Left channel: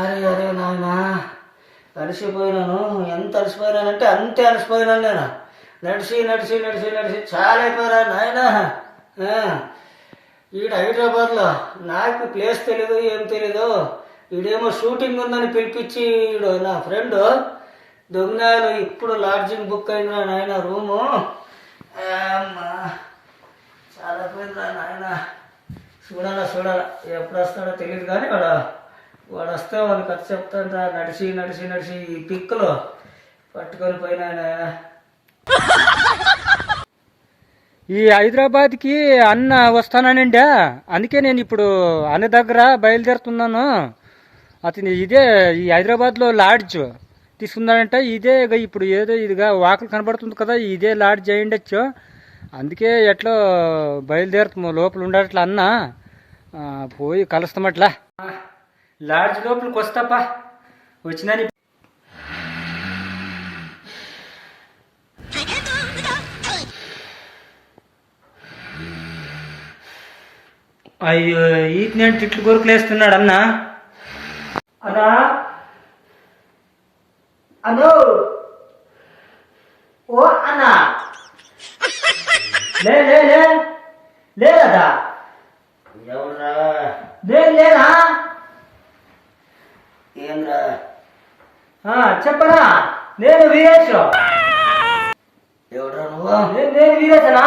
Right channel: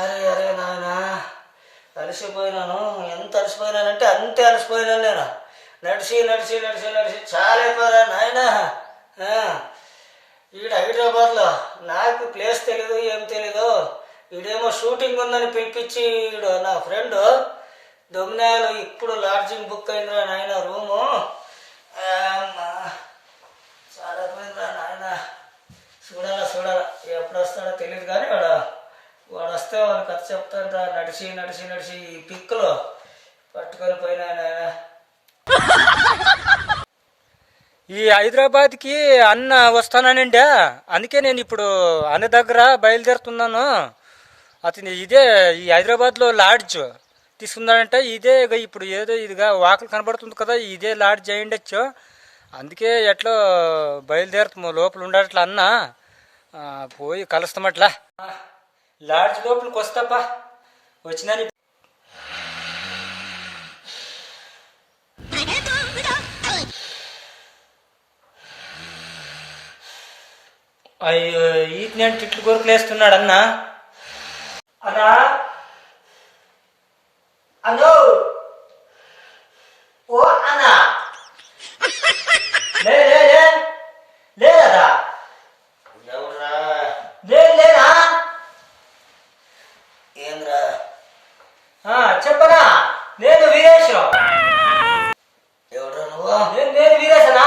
అరే అరే నాయన అలసిపోయినాను. ఎంత అలసిపోయినానంటే అంతే అలసిపోయినాను నేను. నడిచి నడిచి నడిచి నడిచి చాలా అయిపోయారా నాయన ఈడ హైదరాబాద్లో నాకు ప్లేస్ తెలీదు ఏం తెలీదు. ఈడేమో షూటింగ్ ఉందని పిలిపించి ఈడు నా ఫ్రెండ్ దొంగనాయలో ఇప్పుడు లాడ్జింగ్ బుక్ అయిందిరా నాయన రూము. అమ్మా చాలా పోయిందిరా నాయన. చూడాలా చూడాలా ఎప్పుడు వస్తాడో తెలియదు కానీ వాడు వాడు వస్తే వాడు కథ చెప్తా నడిచి నడిచి నడిచి ఈ పిక్కులు పట్టుకొని పోయినా ఈ హైదరాబాద్కి అన్న వస్తానండి అందుకే నేను ఇప్పుడు అన్న దగ్గర బయలుదేరుతున్నాను. అతని ఇదే ఈ హైదరాబాద్లో లాడ్జ్ తీసుకున్నాడంటే ఇదే ఇక ఇప్పుడు ఏదో ఇదిగా వాకలు కనబడుతుంది కదా ఇదే లాడ్జ్ అయ్యిండొచ్చు. అందుకే ఎట్లా బయలుదేరుతాము లోపల ఉండట్లా అన్న. పోయి కలుస్తామట్లా లాడ్జ్ లోపలికి వస్తాపా? వచ్చినని అయ్యో ఈత్ నేను తిట్లు కొరుకులు వేస్తున్నాడు అన్న. అన్నా. అను ఓ అన్నా. లే లే లే. లేదా ఎవరా లేదు లేదా ఏంద్రా ఆ, చెప్పనా? నేను వీరేష్ ఎవరా నువ్వు? నేను నేను వీరేశనా?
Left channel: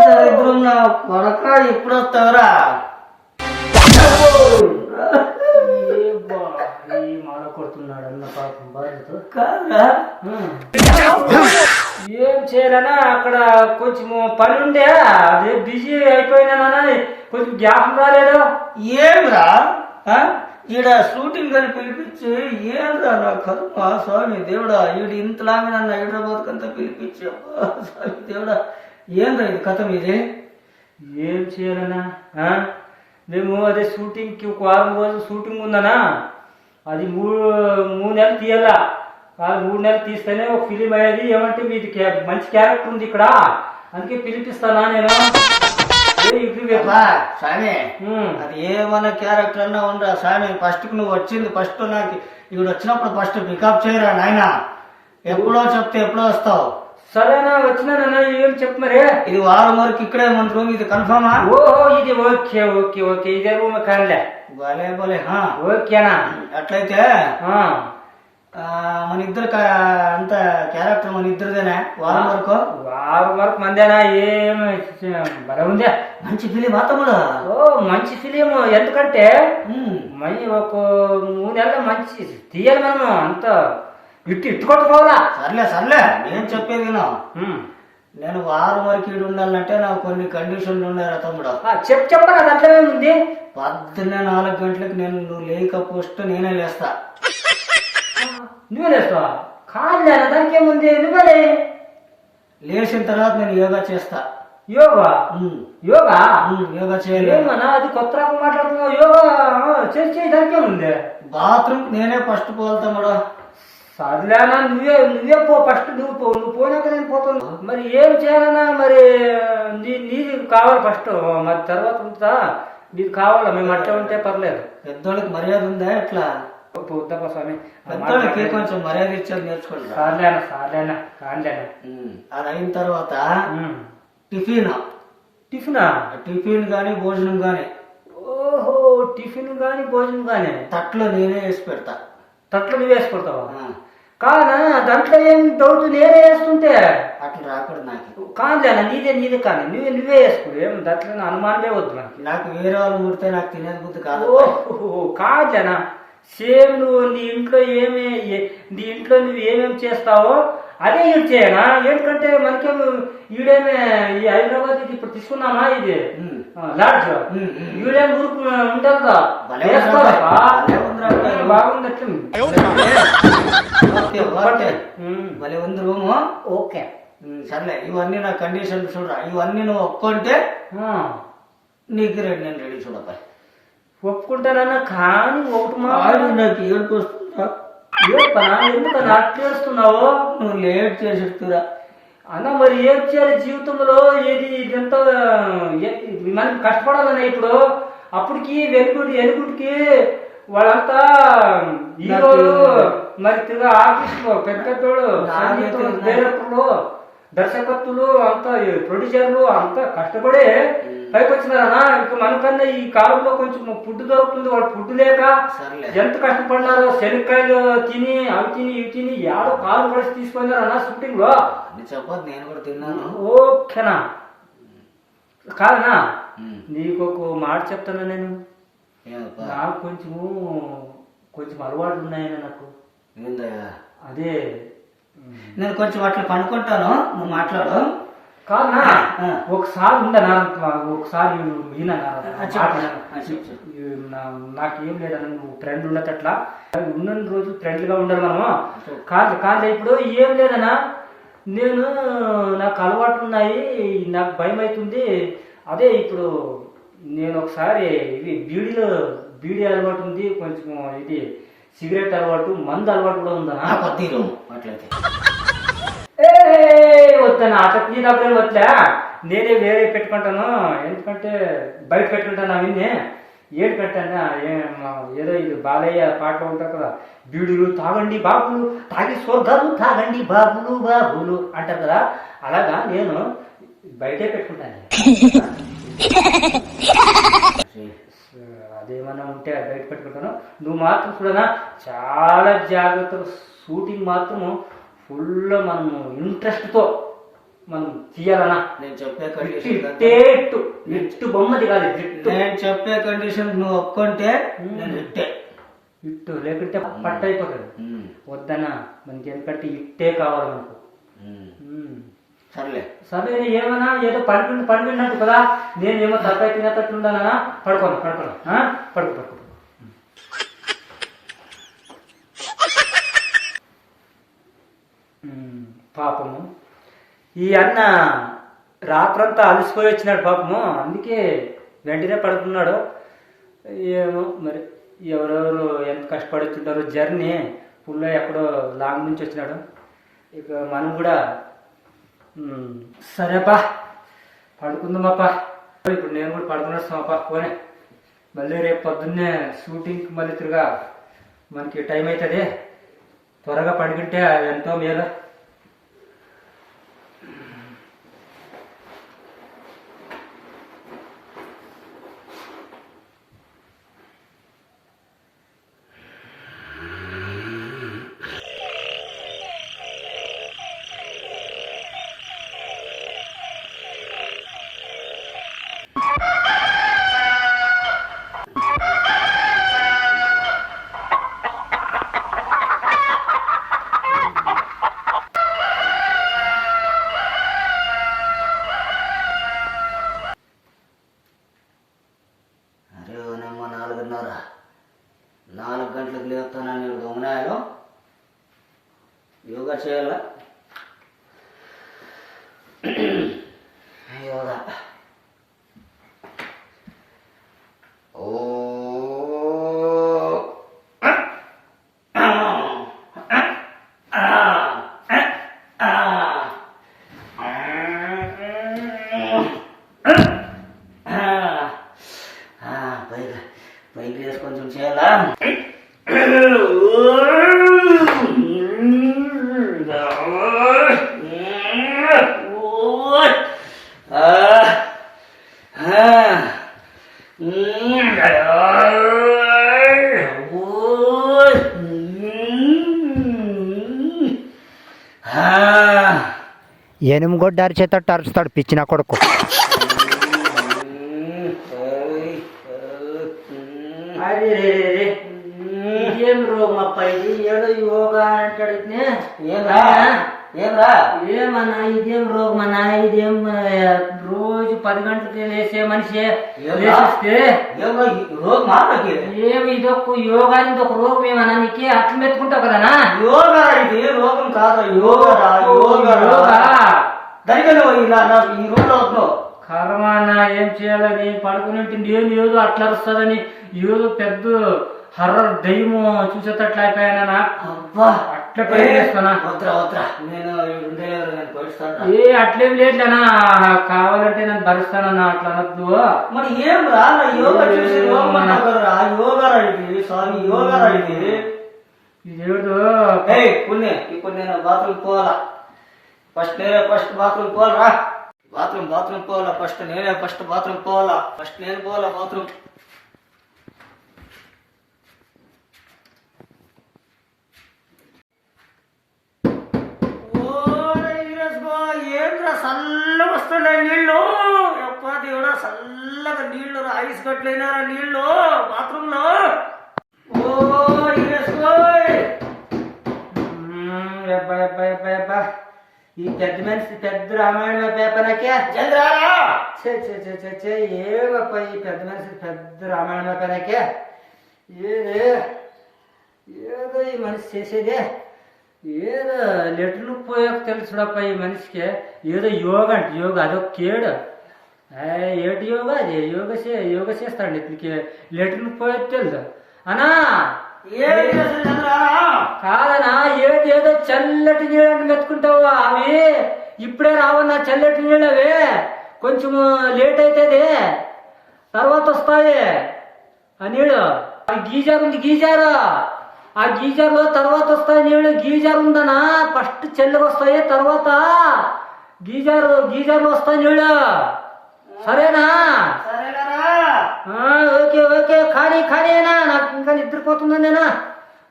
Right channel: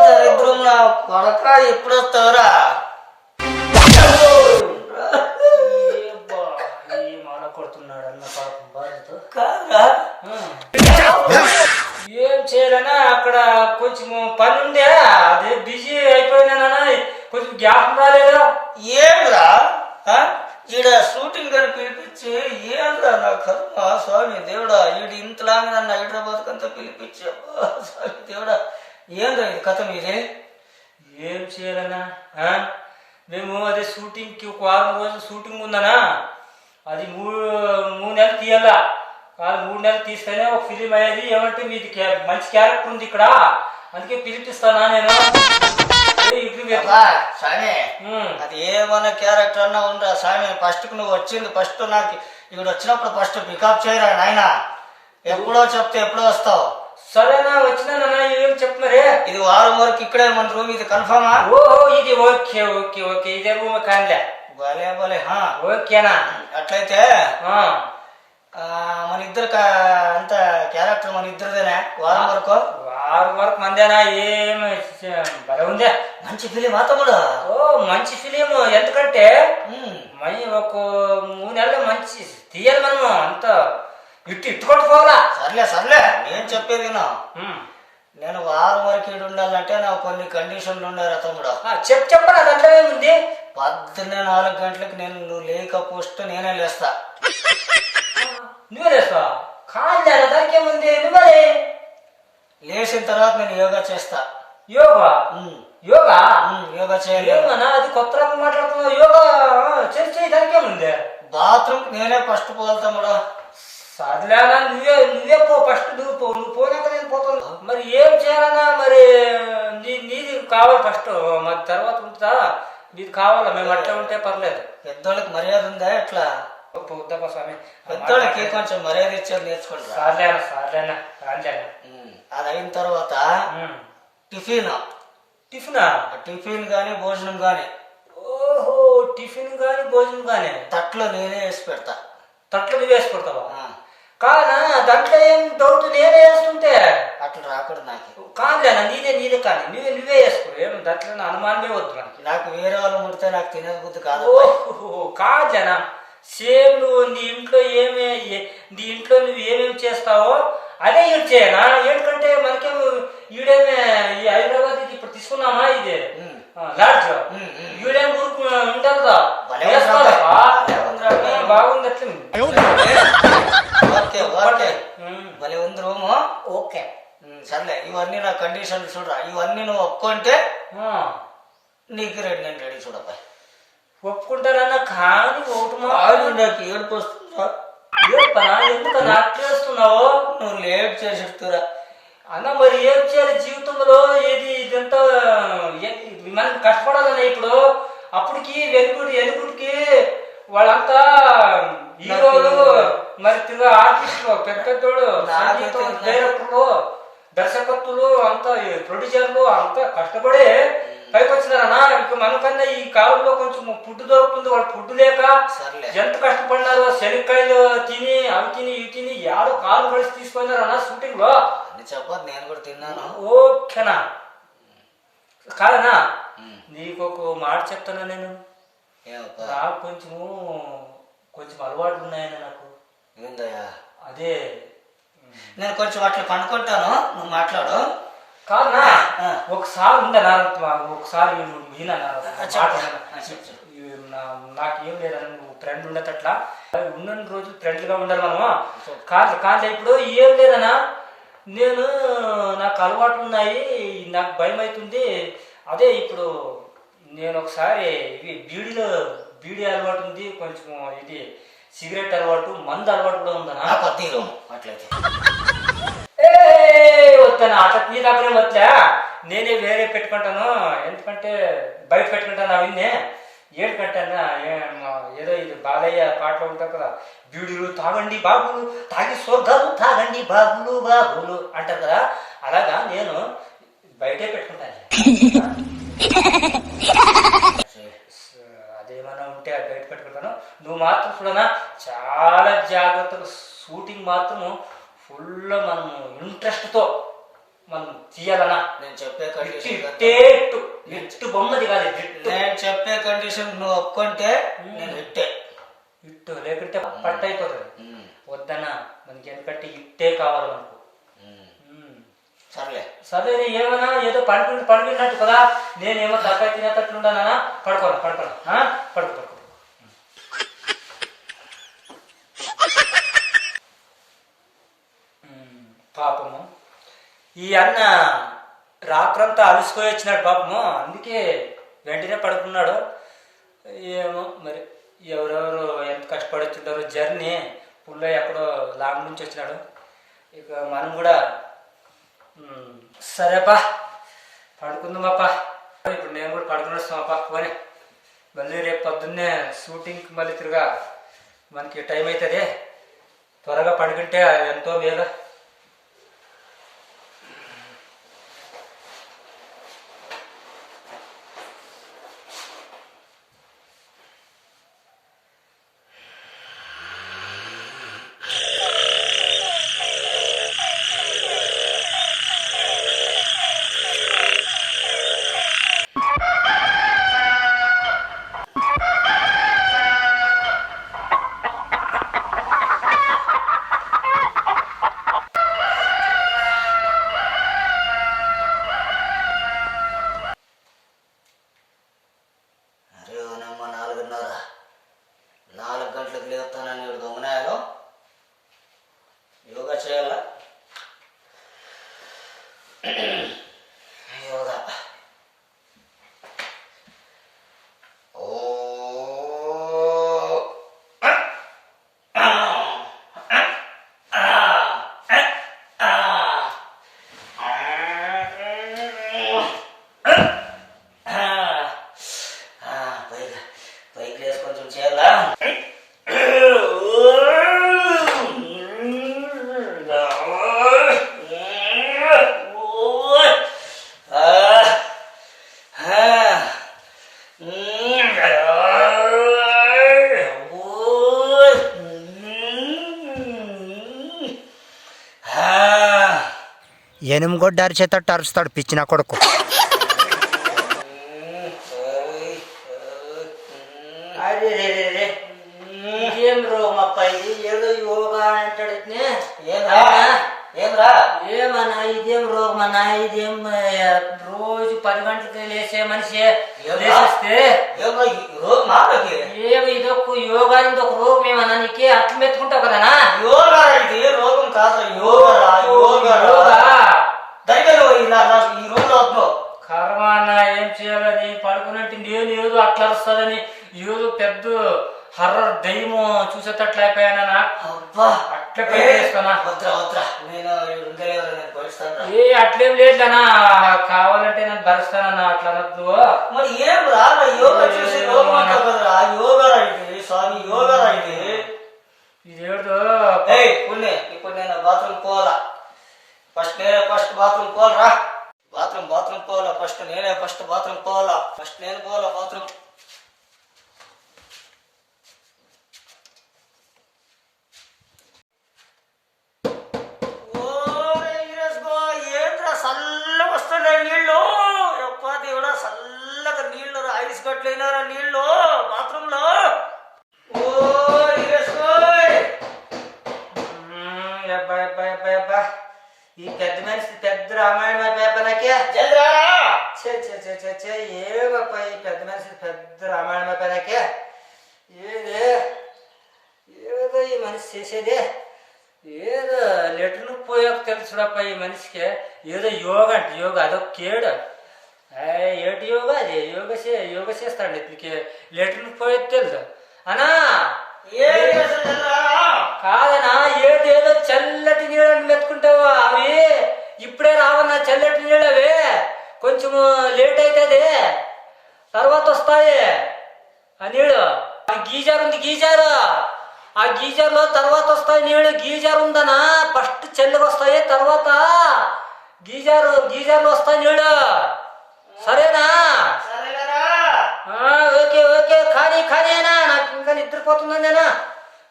దరిద్రం నా కొడక ఎప్పుడు వస్తావురా కొడుతున్నాడు అన్న పాపం ఏం చేయాలనా? అక్కడ కొంచెం పని ఉండే అదే బిజీ అయిపోయినానా కొంచెం జ్ఞాపకం రాలేదు? ఏంరా ఆ? ఈడ షూటింగ్ అని పిలిపించి ఏంద్రా నా కర్మ స్వామి దేవుడా ఈడు ఇంతలాగా నన్ను హైదరాబాద్ అంతా పిలిపించి అబ్బా, స్వామి దేవుడా ఏంద్రా ఇది కథ మీది? ఏం చేయాలన్నా? మేము అదే షూటింగ్కి ఒక వారం రోజులు షూటింగ్ ఉందనా అది మూడు మూడు నెలలు తీయాలా? కాదు మూడు నెలలు తీస్తేనే ఒక ఫిలిం అయ్యేది. ఏమంటే మీది మంచి క్యారెక్టర్ ఉంది ఇక్కడ. అందుకే పిలిపిస్తానా నేను? స్వామి. అది ఏమన్నా క్యారెక్టర్ అన్నా ఉండరా స్వామి. ఫస్ట్ నువ్వు వచ్చింది ఫస్ట్ నాకు ఇక్కడ వచ్చినప్పుడు ఫస్ట్ పికప్ చేయరా నాయన? ఎప్పుడో చెప్తే ఎప్పుడో వస్తావు. సరేనా వచ్చినానన్నా ఏం చెప్పు మరి? ఇది వారం వరకు ఇక్కడే మన రూమ్ ఇది కన్ఫర్మా ఓహో ఇది ఓకే ఓకే ఓకే. ఇదే రూమ్ కానిలే. భలే భలే హా. ఓకేనా? అట్లయితే మన ఇద్దరు అంత క్యారెక్టర్ మన ఇద్దరిదేనా? వారం వరకు? వారం వరకు మందేనా? ఏం భలే ఉందే. మంచి ఫిలిం తమ్ముడు? ఓ మంచి ఫిలిం. ఎందుకంటే ఉమ్. మై ఒక మూడు నెలలు మంచి తీయాలి మనము. అంత ఇట్టు ఇట్టు కొట్టుకోవాలా సర్లే సర్లే. నేను చెప్పేది. నేను వారం వరకు ఈడు ఉండాలంటే నాకు కొన్ని కండిషన్లు ఉన్నారా తమ్ముడు. చెప్పు చెప్పరా దాంట్లో ఏముంది పొద్దున్నే నాలుగు గంటలకు నేను నువ్వు లేక పోస్ట్ నేనే లేస్తా. నువ్వే లేస్తావా? కాదులే దానికి ఏముంది? నువ్వే లేచిన తర్వాత నేను యోగా చేస్తా. యోగా. యోగా? యోగా చేయాలి. అది కొత్త రకం మాట్లాడుతున్నావు. యోగా చేసి దానికి ఏముంది? బాత్రూమ్ నేనే ఫస్ట్ పోవాలి తమ్ముడు సర్లేనా నువ్వే నువ్వే పో ఫస్ట్. నువ్వు పో నువ్వు పోనాక నేను పోతాను. మరి ఏం చేయాలన్నా మరి నీ నీది కావాలి ఫస్ట్. మరి తర్వాత ఉంటుందా నీది కావాలా? మేము అట్లా ఉంటే పర్లేదు. పెద్దోళ్ళకి మర్యాద ఉందా ఎట్లా? పోద్దప్ప స్వామి? పెద్దోళ్ళకి కొంచెం మర్యాద ఇచ్చేది నేర్చుకోండి. రా. సార్లేనా సార్లేనా కానిలేనా ఉమ్. అది అయిన తర్వాత. టిఫిన్. టిఫినా? టిఫిన్ కానీ భోజనం కానీ ఓహో టిఫిన్ కానీ భోజనం కానీ తట్లో నేనే వేసి పెడతా. తట్లు నువ్వు వేసి కొడతావా ఆ, కానా దాంట్లో ఏం డౌట్ నేనే వేస్తుంటే? అట్లా రాకూడదు నాకు. కాదులేనా నీదే నీదే కానీ. నువ్వే నువ్వే వేసుకో. ఏం దాంట్లో అనుమానమే వద్దు మనకి. నాకు వేరే వాళ్ళు ముడితే నాకు తినేది బుద్ధి కాదు. ఓహో కాదులేనా సేమ్ నువ్వు నీ ఇంట్లో ఏమే నీ ఇంట్లో నువ్వు ఏమేమి చేస్తావో అదే ఈడు చేయనా? ఏంటంటే మనకేం ఈడేమే ఈ హైదరాబాద్ ఇది ఇప్పుడు తీసుకున్నామా ఇది. లాడ్జ్. ఈడేం ఊరుకు ఉండదా బాగుంది భలే ఉంది రూము. ఓకే. సర్లే ఇవన్నీ నా కండిషన్లు చూడరా ఇవన్నీ నువ్వు ఒప్పుకుంటే నీకు రెడీ నేను రెడీ చూడப்பா ఒప్పుకుంటానన్నా కానీ ఒకటి మా ఆడు నాకు ఏడుపు వస్తుందా? ఏడుపనా ఎందుకన్నా అట్లా ఏడుస్తున్నావు నువ్వు లేట్ చేసిస్తురా. అన్న మరి ఏం చేయాలి జీవితంలో? ఏది ఇదంతా మనం కష్టపడాలన్నా ఇప్పుడు. అప్పటికి వెలుగుడి వెలుగుడికి వాళ్ళంతా హీరోలు మరి తిరుగా ఆర్టిస్టులు పెద్ద పెద్దోళ్ళు నాకు- డైరెక్టర్లు దర్శకత్తులు అంతా ప్రొడ్యూసర్లు అంతా కష్టపడి పైకి వచ్చినారనా ఇక మనకన్నా ఈ కాలంలో కొంచెం ఫుడ్ దొరుకుతుంది వాళ్ళు ఫుడ్ లేక ఎంత కష్టపడినారో శనక్కాయలు తిని అవి తిని ఇవి తిని యాడో కాలు పడిసి తీసుకున్నారన్న షూటింగ్లో అని చెప్పొద్దు నేను కూడా తిన్నాను. ఓకేనా? కాదనా. నీకు ఒక మాట చెప్తాను నేను. నాకు కొంచెము కొంచెం అలవాట్లు ఉన్నాయని నాకు అదే నేను కొంచెం అట్లా పండుకుంటాను నువ్వు మాట్లాడు. కాదనా. ఒకసారి నారంత ఒకసారి. నాకేం లేదన్న నువ్వు ఫ్రెండ్ ఉండేటట్లా ఉన్న రోజు ఫ్రెండ్గా ఉండాలి మనము. కాదు కాదు ఇప్పుడు ఏం లేదన్నా నేను నాకు అలవాట్లు ఉన్నాయి నాకు భయం అవుతుంది. అదే ఇప్పుడు నేను ఒకసారి ఇవి బీడీలో బీడీ అలవాటు ఉంది కొంచెం ఇది సిగరెట్ అలవాటు మందు అలవాటు కూడా వద్దు ఈ రూమ్ అట్లయితే. వద్దనా అట్లా నీ దగ్గర వద్దా? నేనే వేరే పెట్టుకుంటాను. ఎందుకంటే బయట పెట్టుకుంటాను అవన్నీ ఏడు పెట్టానా ఏదో ఇది బాలయ్య పాటలు ఉంటాయి కదా. బీడులు తాగండి బాబులు తాగి స్వర్గాలు తాగండి బాబులు బాబులు అంటారు కదా. అలాగా నేను బయటే పెట్టుకుంటాను. అదేమన్నా ఉంటే అది బయట పెట్టుకుంటాను. నువ్వు మాత్రం చూడనా చాలా జాగ్రత్తగా షూటింగ్ మాత్రము ఫుల్ మనము ఇంట్రెస్ట్తో మనం తీయాలన్నా. నేను చెప్పే ఇట్టు కండిషన్ ఇట్టే బొమ్మది కాదు ఇట్టు. నేను చెప్పే కండిషన్ నువ్వు ఒప్పుకుంటే నేను ఇట్టే. ఇట్టు లేకుంటే పట్ట అయిపోతుంది వద్దన్నా మనకి ఎందుకంటే ఇట్టే కావాలి మనకు. సర్లే. సరే ఏమన్నా ఏదో పడుకుంటు పడుకున్నట్టు కదా నేనేమో తలకాయ తినేటట్లు ఉండానా పడుకోను పడుకోను? పడుకో పడుకో. పాపము. ఈ అన్న రాత్రంతా అలసిపోయి వచ్చినాడు పాపము. అందుకే వెంటనే పడుకున్నాడు. ఏమో మరి ఎవరెవరు ఎంత కష్టపడి వచ్చింటారో జర్నీ. పుల్ల ఎక్కడో లాంగ్ నుంచి వచ్చినాడు. ఇక మనం కూడా సరేపా పడుకుందామప్పా. ఇప్పుడు నేను కూడా పడుకునేస్తామప్పా పోనీ. మళ్ళీ రేపు పొద్దున్నే షూటింగ్కి మళ్ళీ తిరగా. మనకి టైం అవుతుంది. త్వరగా పడుకుంటే ఎంతో మేలు అరే ఓనమ్మ నాలుగున్నర నాలుగు గంటలకు లేపుతానని దొంగనాయాలు యోగా చేయాలా? యోగా. ఓ. పైకి పైకి లేసి కొంచెం చేయాలా? ఎనుమగొడ్డ అరిచేతట్టు అరుస్తాడు పిచ్చిన కొడుకు. అరే రే రే రే ఇదేం రోగం అప్ప ఇది ఏదో యోగా అంటాడు ఇట్నే. ఏంద్రా ఏంద్రా ఏమన్నా ఇదేం రోగం అన్నా ఇదేం రోజు పది గంటలకి లేసే మనిషి? లేచేస్తే రోజు మాటకి ఏమి ఇదొక యోగా ఇది ఒక రోగం ఏమన్నా నీకే అట్లా మెత్తుకుంటావు కదనా యోగా ఇది రోగం కాదురా యోగా యోగా యోగా దానికి నువ్వు ఈ రూమ్లో కర్మ అన్న ఏం చేయాలని పడుకున్నట్టు నేను ఏదో అట్లా వస్తుందని ఏదో పెద్ద హర్రర్ దయ్యము చూసేటట్లు అయిపోయానా అబ్బా! అట్లా వద్రా వద్రా నేను నేను ఏ అట్లేం లేదులేనా కావాలంటే నేను భరిస్తానన్నా అట్లా అనొద్దు. మరి ఏం రా యోగా చేసి యోగం అంటావు కదరా. యోగా రా ఇది స్వామి యోగా రా ఇది ఇదేడు ఏయ్ పుణ్య ఇప్పుడు నేను బాత్రూమ్ పోవాలా? ఫస్ట్ నేనే ఫస్ట్ బాత్రూమ్ పోవాలరా? బాత్రూమ్ బాత్రూమ్ పోవాలా? ఫస్ట్ నేనే ఫస్ట్ బాత్రూమ్ పోవాలా? ఫస్ట్ నేను పోవాలా బాత్రూమ్? చల్లగా వస్తున్నాయి నీళ్ళు. అప్పా దేవుడా చల్లగా నీళ్ళు ఐస్ కట్లేనారా నీళ్ళు. బాత్రూమ్లో ఓ అబ్బా అబ్బా అబ్బా అబ్బా ఈ పెద్ద మనిషి పెద్ద రామాయణం అయిపోయా నాకే. చే చే చే చే చే ఏమప్పా ఈ పెద్ద మనిషి పెద్ద రామాయణం అయిపోయా నాకే? ఏదే ఏదో ఈ మనిషి చేసేదే. ఏదో లెటర్లు పోయాక తెలుసుడప్ప ఈ మనిషికి. ఏదో యోగ అంటే యోగ అదొక కేడు. ఏ, ఏటి యోగా? అది యోగ చే యోగ చేస్తాడు ఇతనికి లెటర్లు పోయేది తెలుసు అనా కాదనా ఏది ఏదో చల్లటి నీళ్ళని మెత్తుకుంటావు అవి? ఇప్పుడే రావన్నా చల్లటి నీళ్ళు అవి కొంచెము లేట్ అవుతుంది తర్వాత వస్తాయి. ఆ నీళ్ళు. గీజర్ ఉంది గీజర్. ఆ గీజర్లో తర్వాత వస్తాయి నీళ్ళు గీజర్ ఉందనా? ఫస్ట్ చల్లగా వస్తాయి తర్వాత గీజర్ గీజర్లు వస్తాయి నీళ్ళు సరేనా? Okay okay. కానీ ఖాళీనా నాకు ఇంకా నిద్రపోతుందనేనా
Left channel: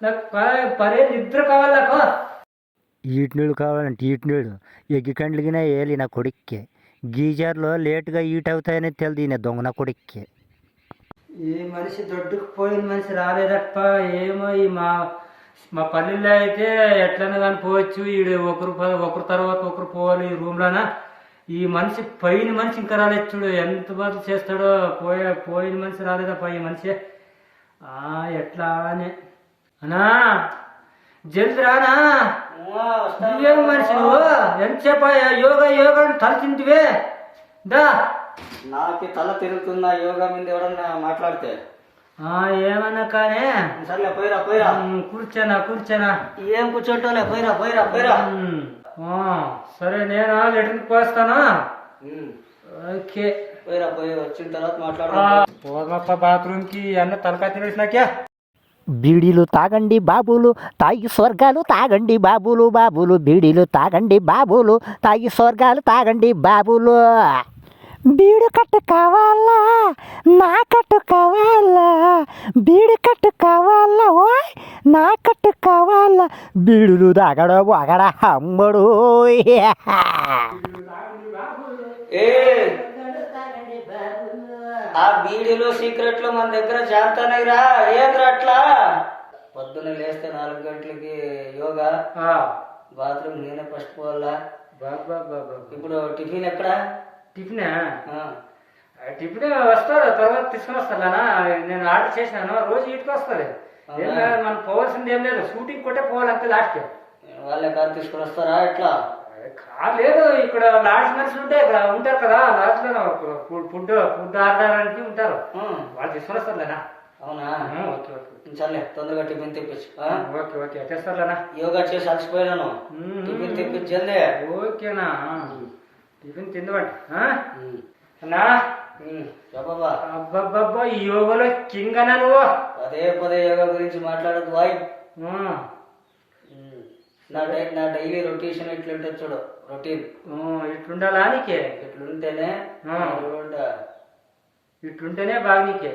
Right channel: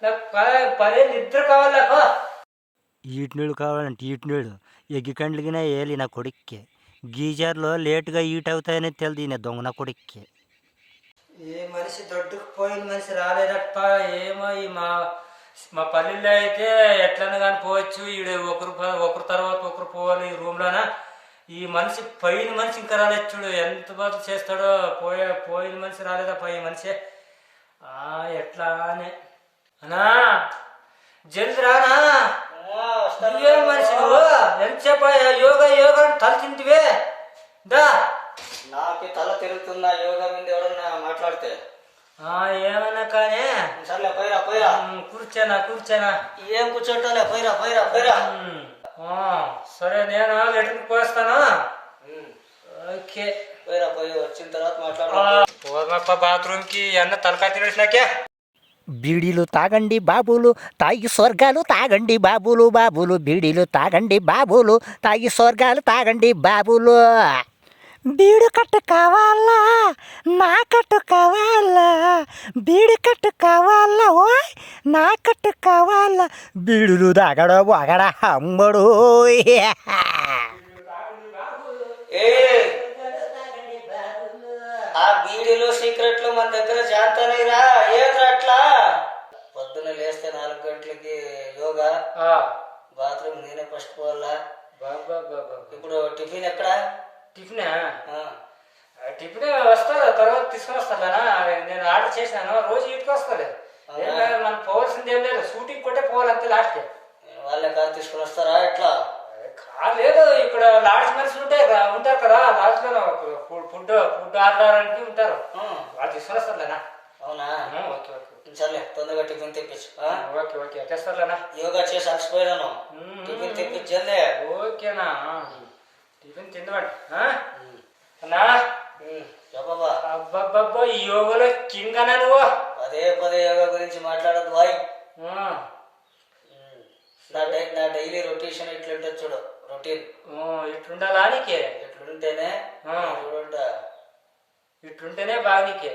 నాకు పరే నిద్ర కావాలి నాకు ఈటి నీళ్ళు కావాలంటే ఈటి నీళ్ళు. ఎగ్గి కండ్లిగినా ఏలి నా కొడుక్కి. గీజర్లో లేటుగా ఈట్ అవుతాయని తెలియదు నేను దొంగ నా కొడుక్కి. ఏ మనిషి దొడ్డుకు పోయిన మనిషి రాలేదప్ప ఏమో ఈ మా మా పల్లెల్లో అయితే ఎట్లన్నా కానీ పోవచ్చు. ఈడు ఒకరు ఒకరు తర్వాత ఒకరు పోవాలి ఈ రూమ్లోన. ఈ మనిషి పోయిన మనిషి ఇంకా రాలేదు చూడు. ఎంత బాగా చేస్తాడో పోయే పోయిన మనిషి రాలేదప్ప ఈ మనిషి. ఆ ఎట్లా అని అనా జల్ది రానా? నువ్వేం మనిషి నువ్వు? ఎంతసేపు యోగా యోగా అని తల తింటివే దా. నాకు తల తిరుగుతున్న యోగా మీద ఎవడన్నా మాట్లాడితే? ఆ, ఏమన్నా కానీ. సర్లే పోయిరా పోయిరా. కూర్చోనా కూర్చోనా. ఏం కూర్చుంటాలే పోయిరా పోయిరా పోయిరా. సరే నేను? లెటర్కి పోస్తాను? ఓకే. పోయిరా పోయి వచ్చిన తర్వాత మాట్లాడదాం. పోదప్ప బాత్రూమ్కి అన్న తలకా తినేసినాకే బీడీలు తాగండి బాబులు తాగి స్వర్గాలు తాగండి బాబులు బాబులు బీడీలు తాగండి బాబులు తాగి స్వర్గాలు తాగండి బాబులు. బీడు కట్టు కావాలా? నా కట్టు కావాలా? బీడు కట్టు కావాలా? ఓయ్ నా కట్టు కావాలా? బీడులు తాగడ ఒకడ అమ్మడు ఏ? ఆ బీడీలు సీక్రెట్లు మన దగ్గర జాంతనైరా ఏంద్రా అట్లా? పొద్దున్న లేస్తే నాలుగు గంటలకి యోగా. బాత్రూమ్ నేనే ఫస్ట్ పోవాలా. బాబా బాబా ఇప్పుడు టిఫిన్ ఎక్కడా? టిఫినా? టిఫిన్ వస్తారు తర్వాత తీసుకొని వస్తానా నేను ఆర్డర్ చేశాను రోజు ఇంటికి లేదు మనం పోవాల్సింది ఏం లేదు. షూటింగ్ కొట్టే పోవాలంతే లాస్ట్ వాళ్ళే కాదు తీసుకుని వస్తారా ఎట్లా? లేదు ఇక్కడ లాడ్జ్ మనిషి ఉంటాయి ఉంటారు కదా లాడ్జ్లో ఫుడ్ ఫుడ్ ఫుడ్ ఆర్డర్ అంటే ఉంటారు వాళ్ళు తీసుకొని వస్తారులేనా అవునా? ఓకే ఓకే సర్లే తొందరగా టిఫిన్ తెప్పించు? ఓకే ఓకే తెస్తారులేనా యోగా చేసి అలసిపోయినాను మ్మ్. టిఫిన్ తెప్పించు జల్దీ. ఓకేనా టిఫిన్ తిందమండి అన్నా? చెప్పబ్బా. అబ్బబ్బబ్బా ఈ యోగలో కింగ్ అన్నా నువ్వు? పదే పదే యోగా గురించి ఉమ్. ఉమ్, నా డై నా డైలీ రొటేషన్ ఎట్లుంటుంది చూడు రొటీన్. ఉమ్, ఇట్లుండాలా నీకే? ఎట్లుంటేనే. చూడంటా ఇట్లుంటేనే బాగా నీకే.